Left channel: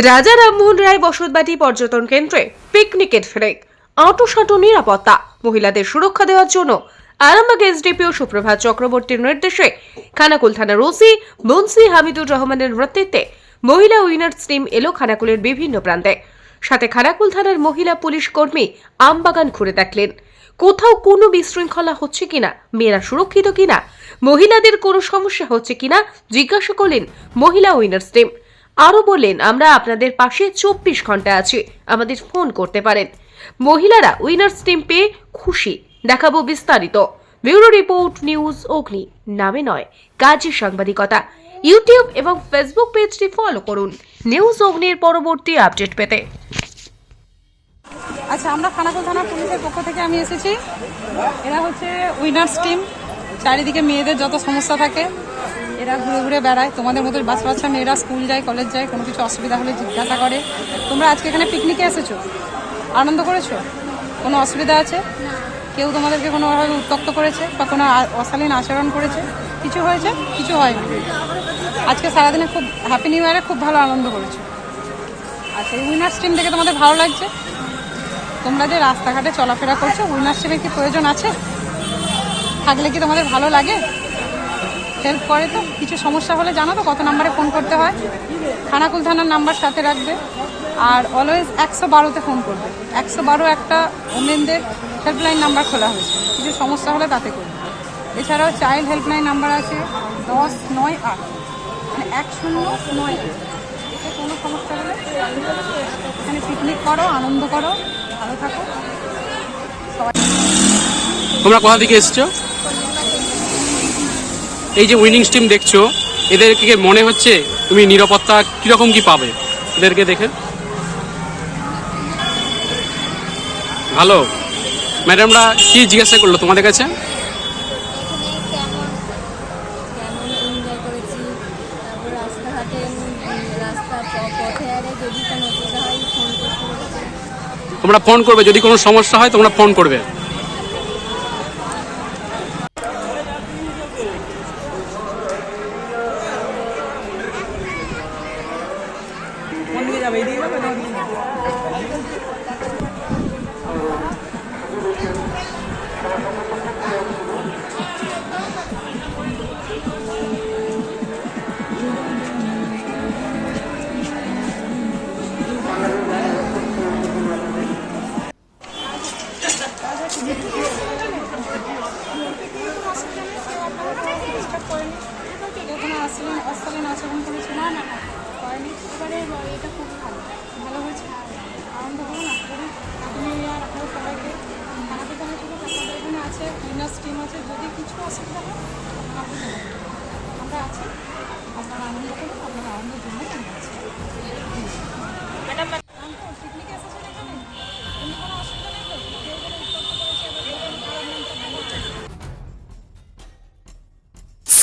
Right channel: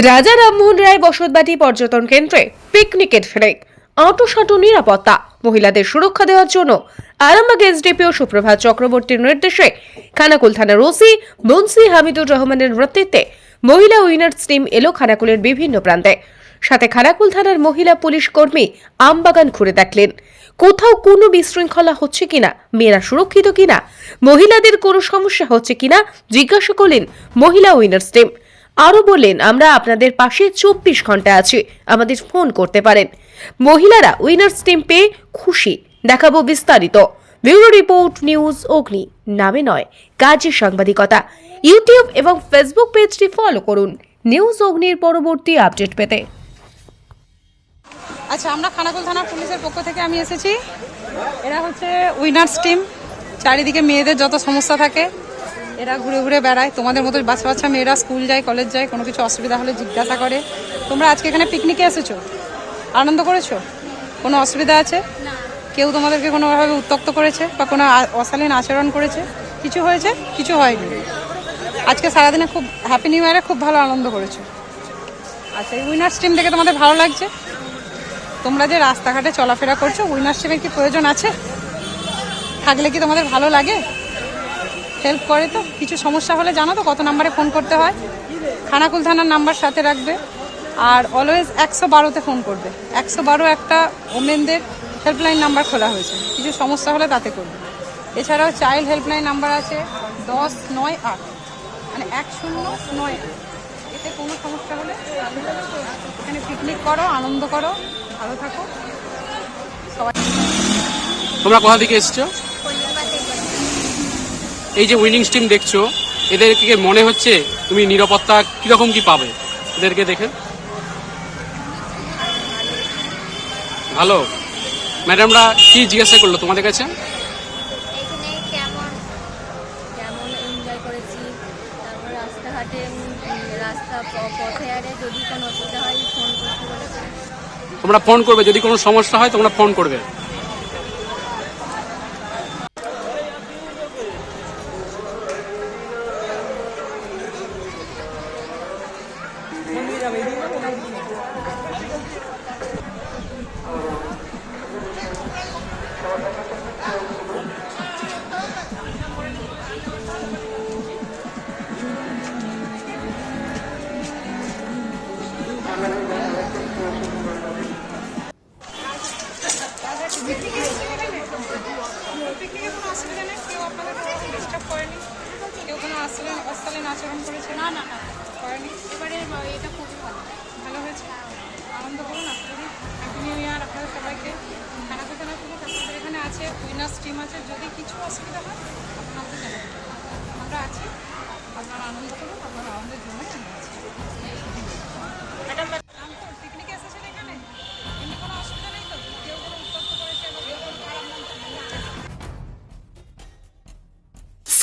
রাজা রামমোহন রায় বসতবাটি পর্যটন কেন্দ্রে পিকনিকের ফ্লেক, আঁটোসাঁটো নিরাপত্তা, মহিলাদের সুরক্ষা দেওয়ার জন্য আরামবাগ এসডিপিও সুপ্রভাত চক্রবর্তীর নির্দেশে খানাকুল থানার ওসি মুন্সি হামিদুর রহমানের নেতৃত্বে মহিলা উইনার্স টিম এলো খানাকুলের বিভিন্ন প্রান্তে। সাথে খানাকুল থানার মহিলা পুলিশ কর্মী আমবাগান ঘুরে দেখলেন, কোথাও কোনো বিশৃঙ্খলা হচ্ছে কিনা, মেয়েরা সুরক্ষিত কিনা, মহিলাদের কোনো সমস্যা হচ্ছে কিনা, জিজ্ঞাসা করলেন মহিলা উইনার্স টিম। আরও বললেন আমরা আপনাদের পাশে চব্বিশ ঘণ্টা আছি। আমাদের ফোন করতে পারেন। মহিলারা উইনার্স টিম পেয়ে খুশি। দেখাবো বিস্তারিত। ব্যুরো রিপোর্ট নিউজ অগ্নি, নামে নয়, কাজে সাংবাদিকতা। ইউটিউব এবং ফেসবুক পেজটি ফলো করুন। নিউজ অগ্নির পরবর্তী আপডেট পেতে। আচ্ছা আমরা খানাকুল থানার পুলিশের পক্ষ থেকে আমি এসেছি। এরা হচ্ছে উইনার্স টিম। চারিদিকে মেয়েদের যত সমস্যা থাকে এরা ঘুরে ঘুরে বেড়ায়। তোমাদের মতো বাচ্চা বাচ্চা মেয়েরা স্কুল যায়, কলেজ যায়, কোনো কিছু অসুবিধা হলে জিজ্ঞাসা করে। তোমরা আজকে এখানে পিকনিকে এসেছ? আনন্দ করেছ? কোনো অসুবিধা আছে? কেউ তোমাদেরকে কোনোভাবে উত্তক্ত করেছে বা কোনো অশালীন আচরণ করেছে? কিছু হয়েছে? কিছু হয়নি। আজকে সারাদিনে খুব হ্যাপি নিউ ইয়ারে খুব ভালো আনন্দ করেছ। আচ্ছা এই উইনার্স টিম দেখে তোমাদের ভালো লাগছে? তোমরা যে রাস্তাঘাটে চলাফেরা করছ উইনারশিপের কি প্রয়োজন আছে? থাকলে কি তোমাদের ভালো লাগে? হেল্প করে তো, কিছু সমস্যা হলে জানো তো কত নাম্বারে ফোন করতে হয়। খানাকুল থানার নাম্বার সাথে রাখবে। আর অলওয়েজ একশো বারোতে ফোন করবে। একশো বারো একটা ওমেনদের হেল্পলাইন নাম্বার খোলা হয়েছে। কিছু সমস্যা হলে তাতে করবে। এছাড়াও চাইল্ড হেল্পলাইন নাম্বার আছে দশ নয় আট। মানে এক শূন্য নয় এতে কোনো সমস্যা হলে এখানে পিকনিক করো, আনন্দ করো, ভালো থাকো। তোমরা কোথা থেকে এসছো? এই যে উইনিং টিম দেখছ এদেরকে মনে হচ্ছে তুমি নিরাপত্তা কীরকম কি পাবে? এদেরকে দেখে। ভালো। ম্যাডামরা কি জিজ্ঞাসা করল তোমাদের কাছে? তোমরা ফোন করবে যদি কোনো সমস্যা হয় তোমরা ফোন করবে। কেউ কোনো অশালীন অশালীন আচরণ করেছে না না না। করেনি এবারে এটা খুব ভালো। ভালো হয়েছে? আনন্দ করুন আপনি হ্যাপি নিউ ইয়ার আপনাদের সবাইকে জানাতে থেকে আপনাদের এখানে আছে, উইনার্স টিম আছে। যদি কিছু অসুবিধা হয় আপনারা আমাকে জানাবেন। আমরা আছি। আপনারা আনন্দ করুন, আপনার আনন্দের জন্যই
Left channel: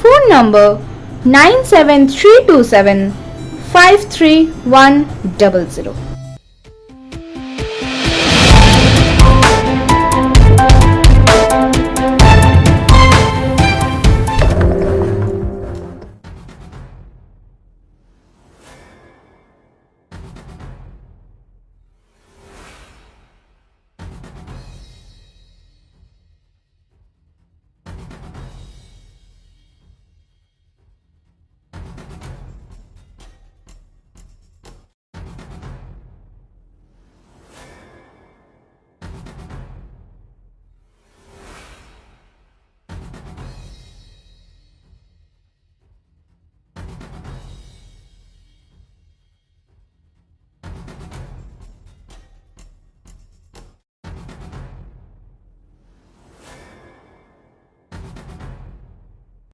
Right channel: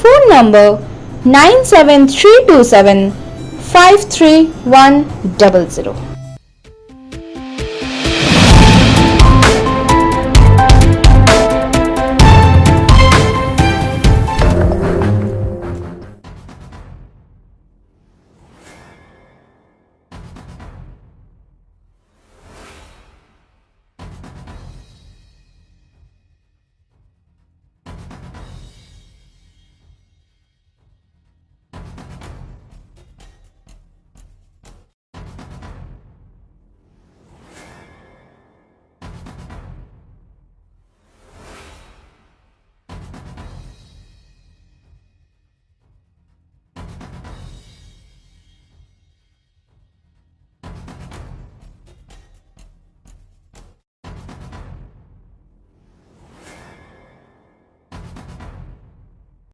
phone number 97327 53100.